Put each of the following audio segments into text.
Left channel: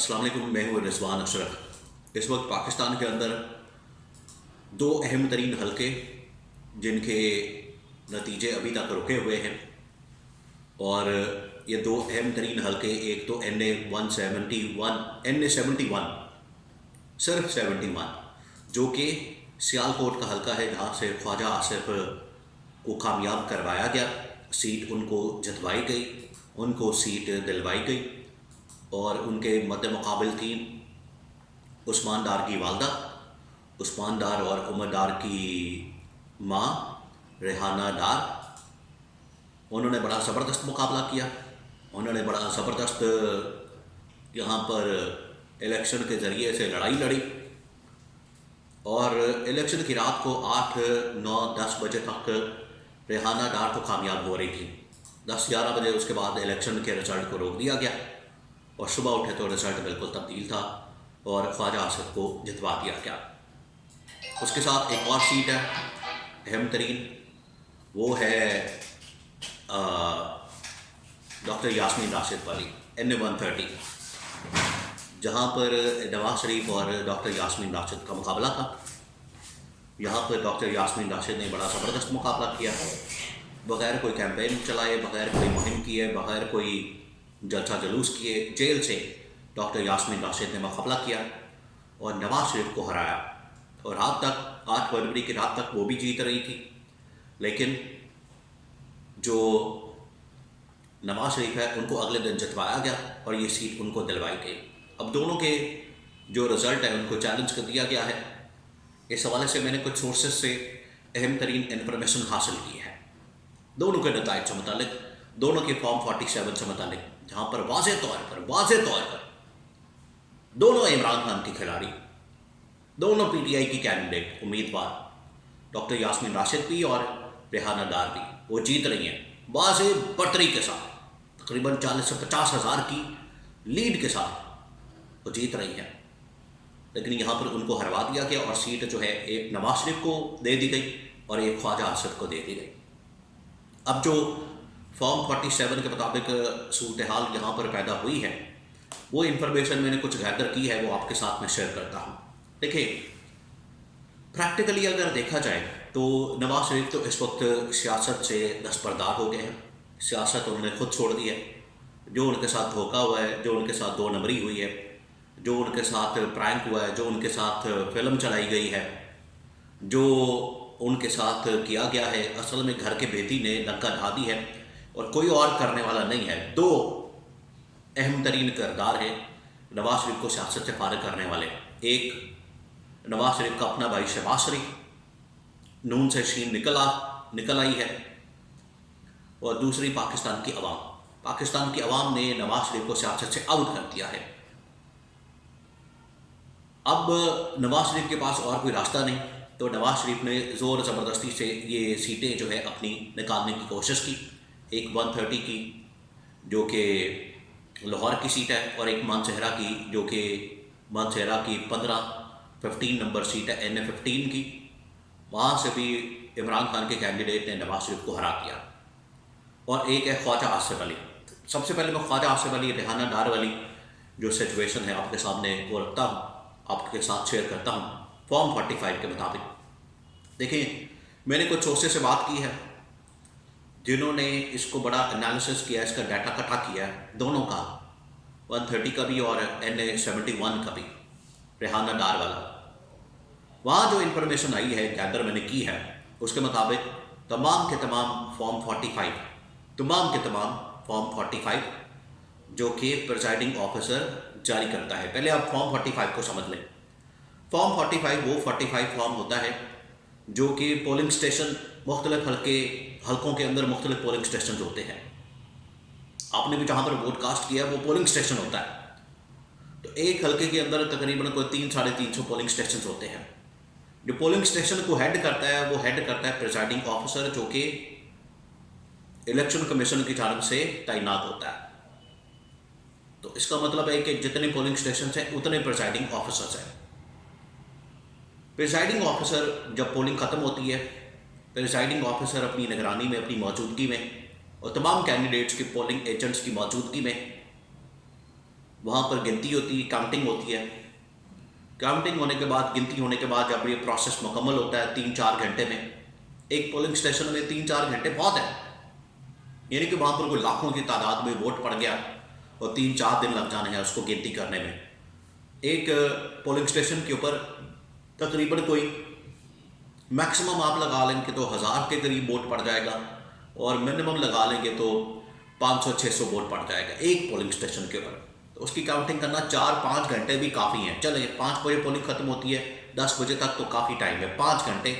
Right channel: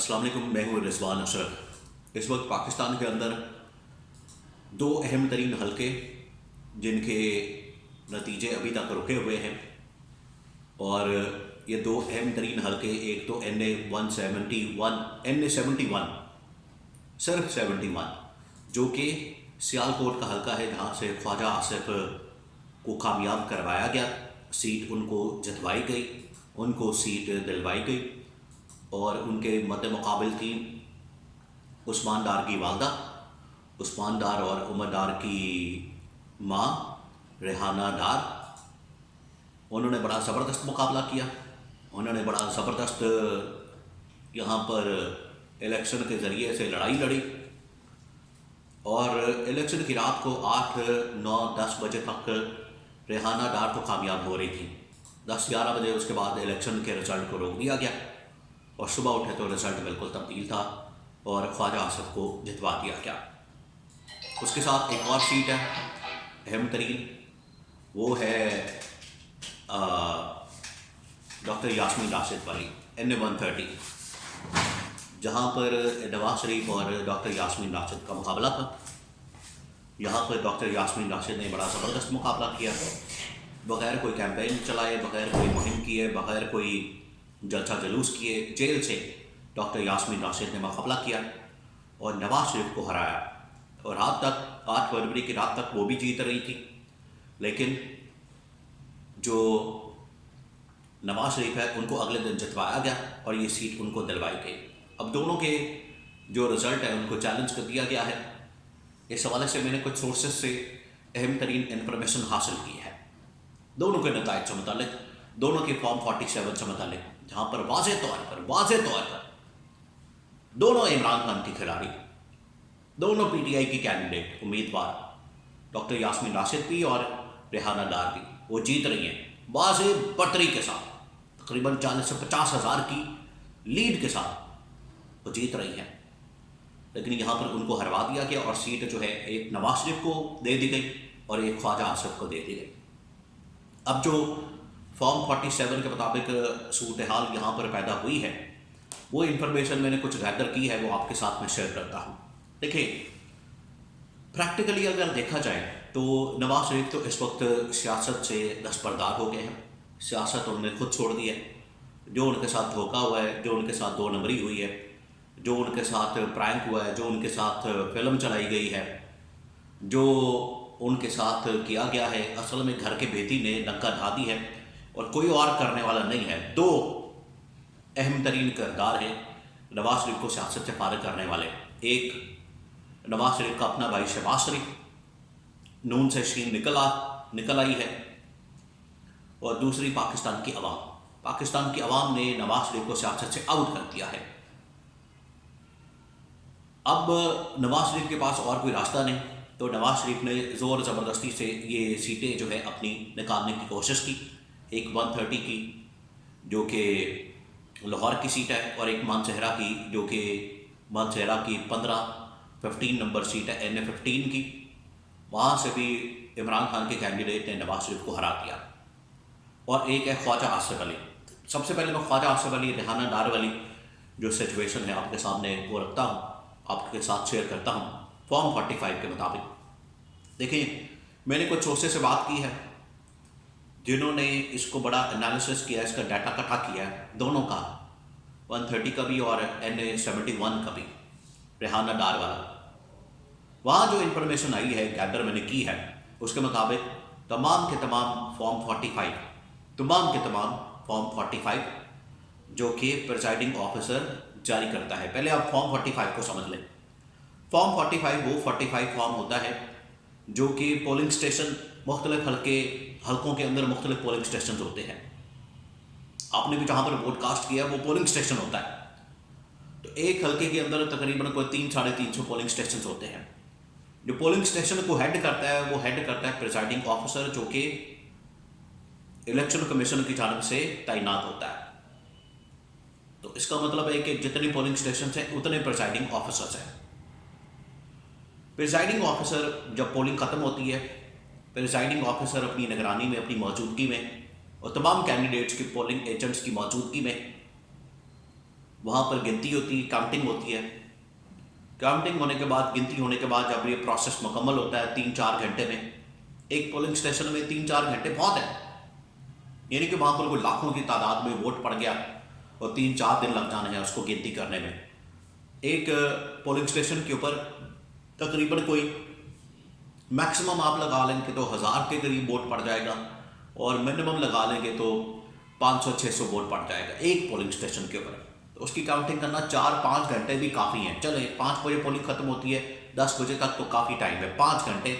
अस्सलाम वालेकुम, मैं हूँ रिजवान अशरफ। इस वक्त पाकिस्तान के अंदर दो अहम तरीन हलके जिनके नतीजे अभी तक रुके हुए हैं, और ये दो अहम तरीन हलके, एक तो NA 71 सिर्फ 71, जो कि सियालकोट का हलका है, जहाँ से ख्वाजा आसिफ को कामयाब करवाया गया। सीट उनको जतवाई गई, उनको सीट दिलवाई गई, और उनके मद्दे मुकाबिल थी उस्मान डार की वालदा, उस्मान डार और उमर डार की माँ रेहाना डार। उन्होंने बड़ा ज़बरदस्त मुकाबला किया, उन्होंने बड़ा ज़बरदस्त यहाँ पर इलेक्शन के ज़रिए से लड़ाई लड़ी, और इलेक्शन की रात को 8, 9, 10 बजे तक रेहाना डार तो कामयाब हो रही थी। 10-11 बजे उसके बाद इलेक्शन के रिज़ल्ट को रोक दिया गया, और सुबह उठे तो रिज़ल्ट बिल्कुल तब्दील था और ख्वाजा आसिफ को जितवा दिया गया। उसके साथ एक और सीट है अहम तरीन, वो है डॉक्टर यास्मीन राशिद वाली NA 130, जहाँ पर नवाज शरीफ और डॉक्टर यास्मीन राशिद का मुकाबला था। यहाँ पर डॉक्टर यास्मीन राशिद ने बड़ा ज़बरदस्त मुकाबला किया, बग़ैर कोई कैंपेन चलाए, बग़ैर कोई मुहिम किए, बग़ैर कोई जलसा जलूस किए, जेल से डॉक्टर यास्मीन राशिद ने मुकाबला किया और नवाज शरीफ को हराया। और रात तक, 8 फरवरी की रात तक वो भी जीत रही थी, लेकिन जो नवाज शरीफ है उनको अगले दिन जितवाया गया और ये सीट उनको दिलवाई गई। अब दोनों के जो रिज़ल्ट है उनको चैलेंज कर दिया गया है। इस हवाले से मैंने कुछ सोर्सेज से अहम तरीन इन्फॉर्मेशन हासिल की है, दोनों के नताइज से मुतालिक, दोनों के फॉर्म 47 से मुतालिक, जहाँ पर वाज़ेह तौर पर दोनों इमरान खान की खिलाड़ी, दोनों PTI की कैंडिडेट उम्मीदवार, डॉक्टर यास्मीन राशिद भी और रेहाना डार भी, वो जीत रही हैं वाज़ेह बर्तरी के साथ। तकरीबन 40 से 50 हज़ार की लीड के साथ वो जीत रही हैं। लेकिन यहाँ पर उनको हरवा दिया गया और सीट जो है एक नवाज शरीफ को दे दी गई और एक ख्वाजा आसिफ को दे दी गई। अब जो फॉर्म 47 के मुताबिक सूरत हाल यहाँ पर पैदा हुई है, वो इन्फॉर्मेशन मैंने कुछ गैदर की है, वो आपके साथ में शेयर करता हूँ। देखिए, प्रैक्टिकली अगर देखा जाए तो नवाज शरीफ तो इस वक्त सियासत से दस्तबरदार हो गए हैं। सियासत उन्होंने खुद छोड़ दी है। जो उनके साथ धोखा हुआ है, जो उनके साथ 2 नंबरी हुई है, जो उनके साथ प्रैंक हुआ है, जो उनके साथ फिल्म चलाई गई है, जो उनके साथ किया गया है, असल में घर के बेटी ने लंका ढा दी है और कोई और करने वाला नहीं है। 2 अहम तरीन किरदार हैं नवाज शरीफ को सियासत से फारिग करने वाले। एक नवाज शरीफ का अपना भाई शहबाज शरीफ, नून से शीन निकल आई है, और दूसरी पाकिस्तान की अवाम। पाकिस्तान की अवाम ने नवाज शरीफ को सियासत से आउट कर दिया है। अब नवाज शरीफ के पास और कोई रास्ता नहीं, तो नवाज शरीफ ने ज़ोर ज़बरदस्ती से ये सीटें जो है अपनी निकालने की कोशिश की। एक 130 की जो कि लाहौर की सीट है, और एक मानसहरा की जो कि मानसहरा की 15 नंबर सीट है NA 15 की। वहाँ से भी इमरान खान के कैंडिडेट ने नवाज शरीफ को हरा दिया। और एक है ख्वाजा आसिफ अली। सबसे पहले मैं ख्वाजा आसिफ अली रेहाना डार वाली जो सिचुएशन है आपके सामने वो रखता हूँ, आपके साथ शेयर करता हूँ फॉर्म 45 के मुताबिक। देखिए, मैंने कुछ सोर्सेस से बात की है जिन्होंने इसको बड़ा एनालिसिस किया, इसका डाटा इकट्ठा किया है, दोनों का, 130 का भी और NA 71 का भी, रेहाना डार वाला। वहाँ जो इन्फॉर्मेशन आई है, गैदर मैंने की है, उसके मुताबिक तमाम के तमाम फॉर्म 45 जो कि प्रिजाइडिंग ऑफिसर जारी करता है। पहले आप फॉर्म 45 को समझ लें। फॉर्म 45 वो 45 फॉर्म होता है जो कि पोलिंग स्टेशन, मुख्तलिफ हलकों के अंदर मुख्तलिफ पोलिंग स्टेशन होते हैं। आपने भी जहाँ पर वोट कास्ट किया वो पोलिंग स्टेशन होता है। तो एक हलके के अंदर तकरीबन कोई 300-350 पोलिंग स्टेशन होते हैं। जो पोलिंग स्टेशन को हेड करता है, वो हेड करता है प्रिजाइडिंग ऑफिसर, जो कि इलेक्शन कमीशन की जानब से तैनात होता है। तो इसका मतलब है कि जितने पोलिंग स्टेशन हैं उतने प्रिजाइडिंग ऑफिसर्स हैं। प्रिजाइडिंग ऑफिसर जब पोलिंग ख़त्म होती है, प्रिजाइडिंग ऑफिसर अपनी निगरानी में, अपनी मौजूदगी में और तमाम कैंडिडेट्स के पोलिंग एजेंट्स की मौजूदगी में वहाँ पर गिनती होती है, काउंटिंग होती है। काउंटिंग होने के बाद, गिनती होने के बाद जब ये प्रोसेस मुकम्मल होता है 3-4 घंटे में, एक पोलिंग स्टेशन में 3-4 घंटे बहुत है, यानी कि वहाँ पर कोई लाखों की तादाद में वोट पड़ गया और 3-4 दिन लग जाने हैं उसको गिनती करने में। एक पोलिंग स्टेशन के ऊपर तकरीबन कोई मैक्सिमम आप लगा लेंगे तो 1000 के करीब वोट पड़ जाएगा, और मिनिमम लगा लेंगे तो 500-600 वोट पड़ जाएगा एक पोलिंग स्टेशन के ऊपर। तो उसकी काउंटिंग करना 4-5 घंटे भी काफ़ी हैं। चलिए 5 बजे पोलिंग ख़त्म होती है, 10 बजे तक तो काफ़ी टाइम है, 5 घंटे,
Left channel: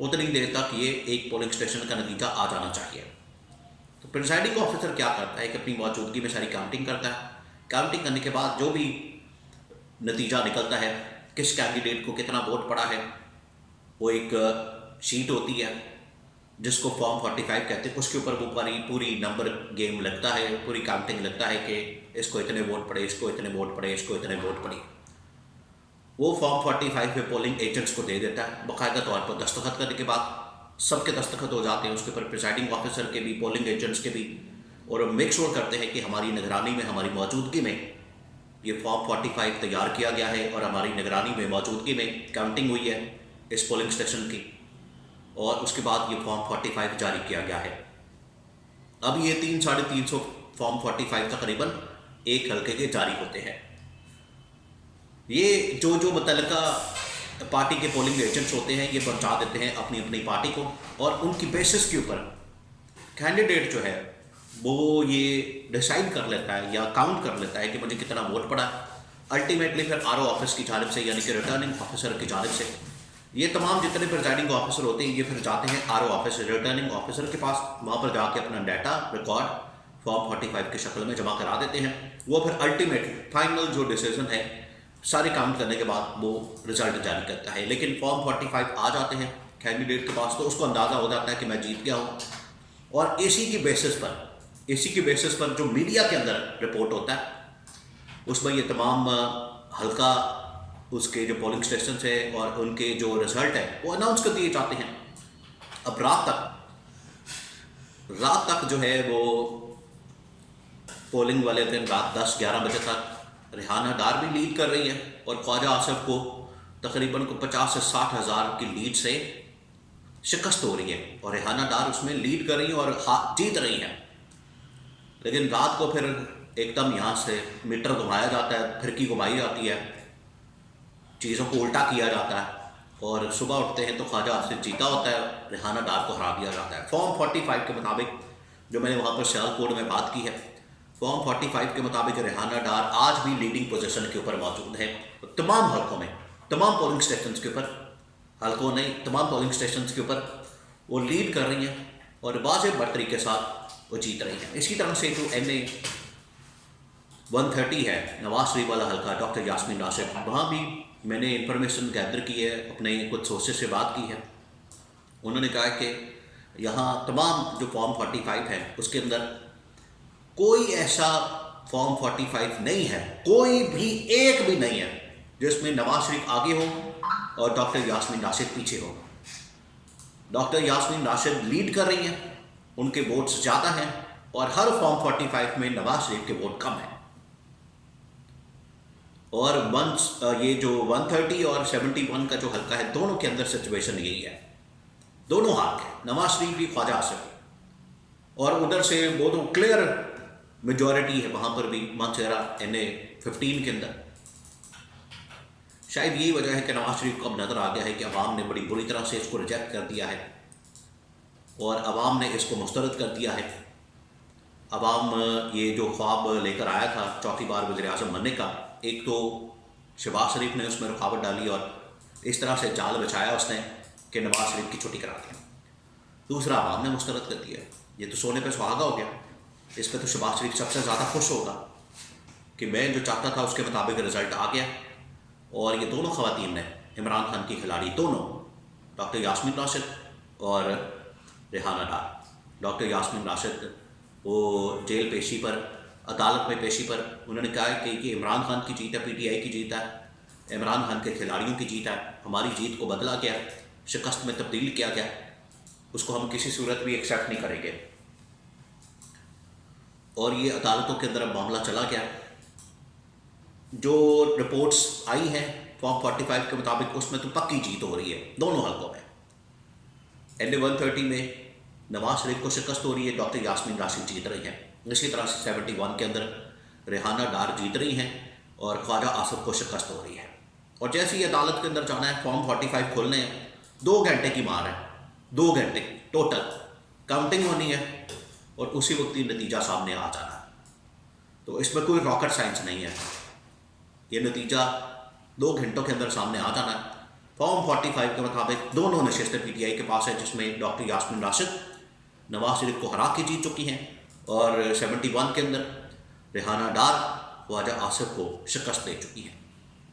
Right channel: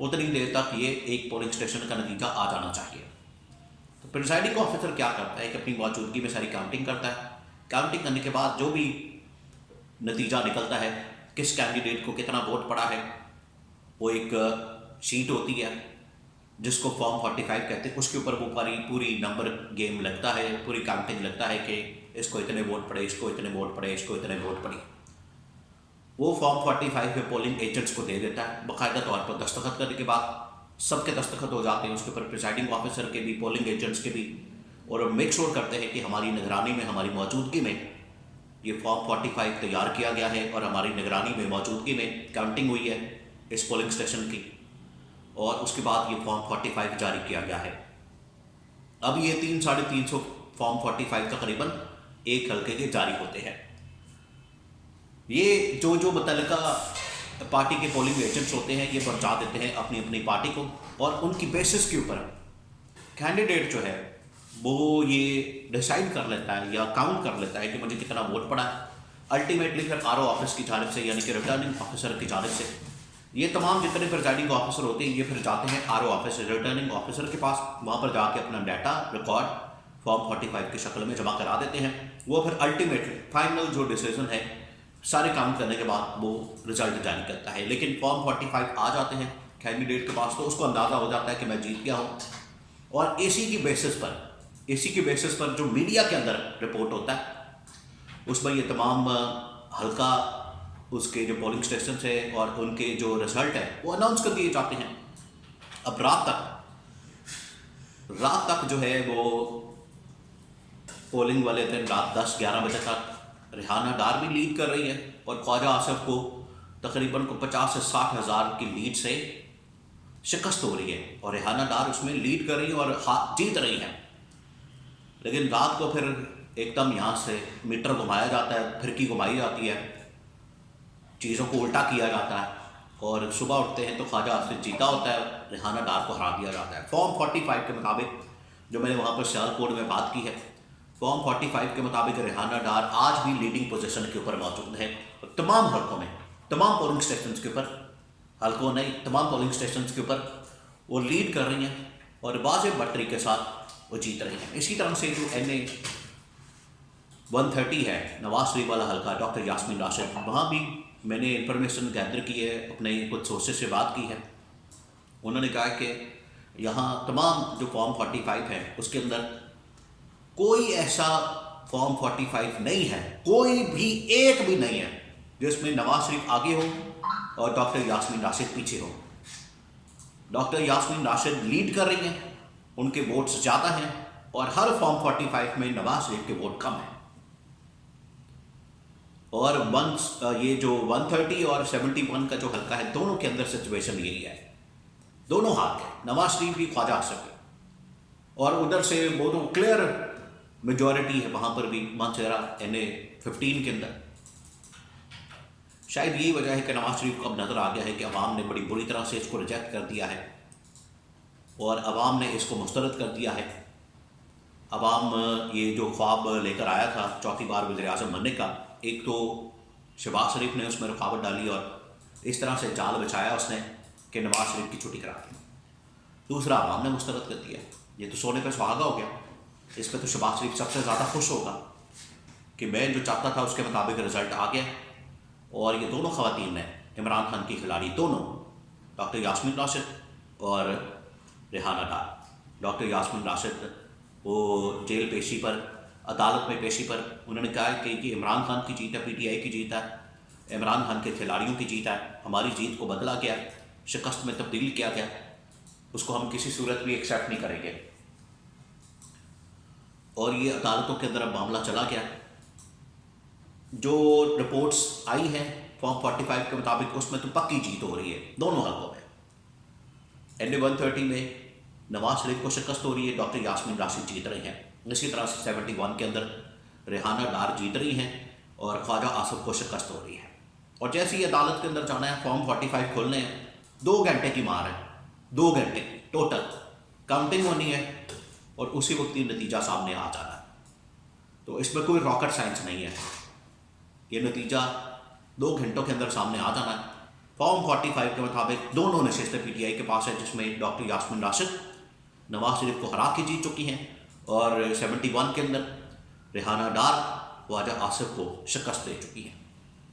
उतनी देर तक ये एक पोलिंग स्टेशन का नतीजा आ जाना चाहिए। तो प्रिजाइडिंग ऑफिसर क्या करता है कि अपनी मौजूदगी में सारी काउंटिंग करता है। काउंटिंग करने के बाद जो भी नतीजा निकलता है, किस कैंडिडेट को कितना वोट पड़ा है, वो एक शीट होती है जिसको फॉर्म 45 कहते हैं, उसके ऊपर वो पूरी नंबर गेम लगता है, पूरी काउंटिंग लगता है कि इसको इतने वोट पड़े, इसको इतने वोट पड़े, इसको इतने वोट पड़े। वो फॉर्म 45 पे पोलिंग एजेंट्स को दे देता है, बाकायदा तौर पर दस्तखत करने के बाद सबके दस्तखत हो जाते हैं उसके ऊपर, प्रिजाइडिंग ऑफिसर के भी, पोलिंग एजेंट्स के भी, और मेक श्योर करते हैं कि हमारी निगरानी में, हमारी मौजूदगी में ये फॉर्म 45 तैयार किया गया है और हमारी निगरानी में, मौजूदगी में काउंटिंग हुई है इस पोलिंग स्टेशन की, और उसके बाद ये फॉर्म 45 जारी किया गया है। अब ये 300-350 फॉर्म 45 तकरीबन एक हल्के के जारी होते हैं। ये जो मुतल्लिका पार्टी के पोलिंग एजेंट्स होते हैं ये पहुंचा देते हैं अपनी अपनी पार्टी को, और उनकी बेसिस के ऊपर कैंडिडेट जो है वो ये डिसाइड कर लेता है या काउंट कर लेता है कि मुझे कितना वोट पड़ा है। अल्टीमेटली फिर आरओ ऑफिस की जानिब से, यानी कि रिटर्निंग ऑफिसर की जानिब से, ये तमाम जितने प्रिजाइडिंग ऑफिसर होते हैं ये फिर जाते हैं आरओ ऑफिस, रिटर्निंग ऑफिसर के पास, वहाँ पर जाके अपना डाटा रिकॉर्ड फॉर्म 45 की शक्ल में जमा करा देते हैं। वो फिर अल्टीमेटली फाइनल जो डिसीजन है सारे काउंट करने के बाद वो रिजल्ट जारी करता है। लेकिन फॉर्म 45 आ जाते हैं कैंडिडेट के पास तो उसको अंदाज़ा हो जाता है कि मैं जीत गया हूँ, और इसी की बेसिस पर जो मीडिया के अंदर रिपोर्ट होता है उसमें ये तमाम हल्का उसके जो पोलिंग स्टेशन है और उनके जो रिजल्ट है वो अनाउंस कर दिए जाते हैं। अब रात तक जो है वो पोलिंग वाले दिन रात 10-11 बजे तक रेहाना डार भी लीड कर रही है, और ख्वाजा आसिफ को तकरीबन 50 से 60 हज़ार की लीड से शिकस्त हो रही है, और रेहाना डार उसमें लीड कर रही है और जीत रही है। लेकिन रात को फिर एकदम यहाँ से मीटर घुमाया जाता है, फिरकी घुमाई जाती है, चीज़ों को उल्टा किया जाता है, और सुबह उठते हैं तो ख्वाजा आसिफ जीता होता है, रेहाना डार को हरा दिया जाता है। फॉर्म 45 के मुताबिक, जो मैंने वहाँ पर सियालकोट में बात की है, फॉर्म 45 के मुताबिक रेहाना डार आज भी लीडिंग पोजीशन के ऊपर मौजूद है तमाम हल्कों में, तमाम पोलिंग स्टेशन के ऊपर, हल्कों नहीं तमाम पोलिंग स्टेशन के ऊपर वो लीड कर रही हैं और वाज़ेह बढ़तरी के साथ वो जीत रही हैं। इसी तरह से जो NA 130 है, नवाज शरीफ वाला हल्का, डॉक्टर यास्मीन राशिद, वहाँ भी मैंने इंफॉर्मेशन गैदर की है, अपने कुछ सोर्सेज से बात की है। उन्होंने कहा कि यहाँ तमाम जो फॉर्म 45 है उसके अंदर कोई ऐसा फॉर्म 45 नहीं है, कोई भी एक भी नहीं है जिसमें नवाज शरीफ आगे हो और डॉक्टर यास्मीन राशिद पीछे हो। डॉक्टर यास्मीन राशिद लीड कर रही हैं, उनके वोट्स ज़्यादा हैं, और हर फॉर्म 45 में नवाज शरीफ के वोट कम हैं। और ये जो 130 और 71 का जो हल्का है, दोनों के अंदर सिचुएशन यही है, दोनों हाथ है, नवाज शरीफ भी ख्वाजा आसिफ भी, और उधर से वो तो क्लियर मेजॉरिटी है वहाँ पर भी मानसेरा NA 15 के अंदर। शायद यही वजह है कि नवाज शरीफ को अब नज़र आ गया है कि अवाम ने बड़ी बुरी तरह से इसको रिजेक्ट कर दिया है और अवाम ने इसको मुस्तरद कर दिया है। अवाम ये जो ख्वाब लेकर आया था चौथी बार वज़ीर आज़म बनने का, एक तो शहबाज शरीफ ने उसमें रुकावट डाली और इस तरह से जाल बिछाया उसने कि नवाज शरीफ की छुट्टी करा दी। दूसरा, अवाम ने मुस्तरद कर दिया। ये तो सोने पे सुहागा हो गया, इस पर तो शहबाज शरीफ सबसे ज़्यादा खुश होगा कि मैं जो चाहता था उसके मुताबिक रिज़ल्ट आ गया। और ये दोनों ख़वातीन ने, इमरान खान की खिलाड़ी दोनों, डॉक्टर यास्मीन राशिद और रेहाना डार। डॉक्टर यास्मीन राशिद वो जेल पेशी पर, अदालत में पेशी पर उन्होंने कहा है कि ये इमरान खान की जीत है, PTI की जीत है, इमरान खान के खिलाड़ियों की जीत है, हमारी जीत को बदला गया, शिकस्त में तब्दील किया गया, उसको हम किसी सूरत भी एक्सेप्ट नहीं करेंगे। और ये अदालतों के अंदर अब मामला चला गया जो रिपोर्ट्स आई हैं फॉर्म 45 के मुताबिक उसमें तो पक्की जीत हो रही है दोनों हलकों में। NA 130 में नवाज शरीफ को शिकस्त हो रही है, डॉक्टर यास्मीन राशिद जीत रही हैं। इसी तरह से 71 के अंदर रेहाना डार जीत रही हैं और ख्वाजा आसिफ को शिकस्त हो रही है। और जैसे ही अदालत के अंदर जाना है, फॉर्म 45 खोलने हैं, 2 घंटे की मार है, 2 घंटे टोटल काउंटिंग होनी है और उसी वक्त ही नतीजा सामने आ जाना है। तो इसमें कोई रॉकेट साइंस नहीं है, ये नतीजा 2 घंटों के अंदर सामने आ जाना है। फॉर्म 45 के मुताबिक दोनों नशिस्तें PTI के पास है, जिसमें डॉक्टर यास्मीन राशिद नवाज शरीफ को हरा के जीत चुकी हैं और 71 के अंदर रेहाना डार ख्वाजा आसिफ को शिकस्त दे चुकी हैं।